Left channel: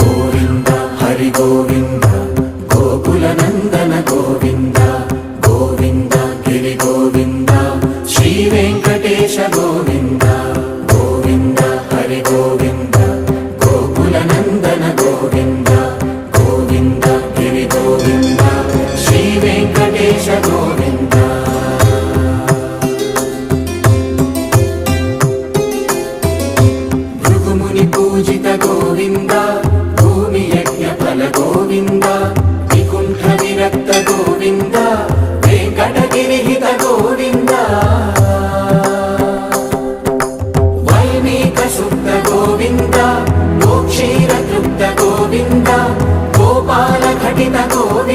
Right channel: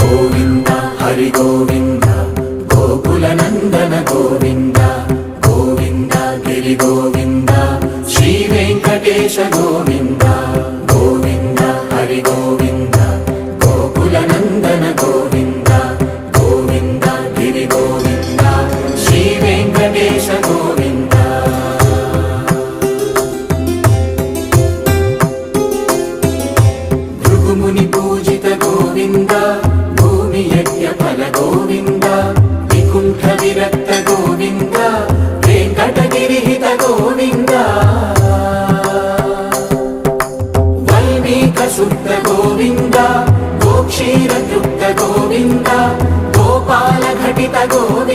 గోవింద హరి గోవింద గోకుల నందన గోవింద గోవింద గిరి గోవింద శ్రీ వెంకటేశ గోవింద గోవింద హరి గోవింద గోకుల నందన గోవింద గోవింద గిరి గోవింద శ్రీ వెంకటేశ గోవింద. భృగుముని పూజిత గోవింద భూమి యజ్ఞ ఫల గోవింద వికుంఠ విరక్త గోవింద వెంకటగిరిహిత గోవింద వల్మీక శుద్ధ గోవింద గోక్షీర తృప్త గోవింద గోపాల ఘటిత గోవింద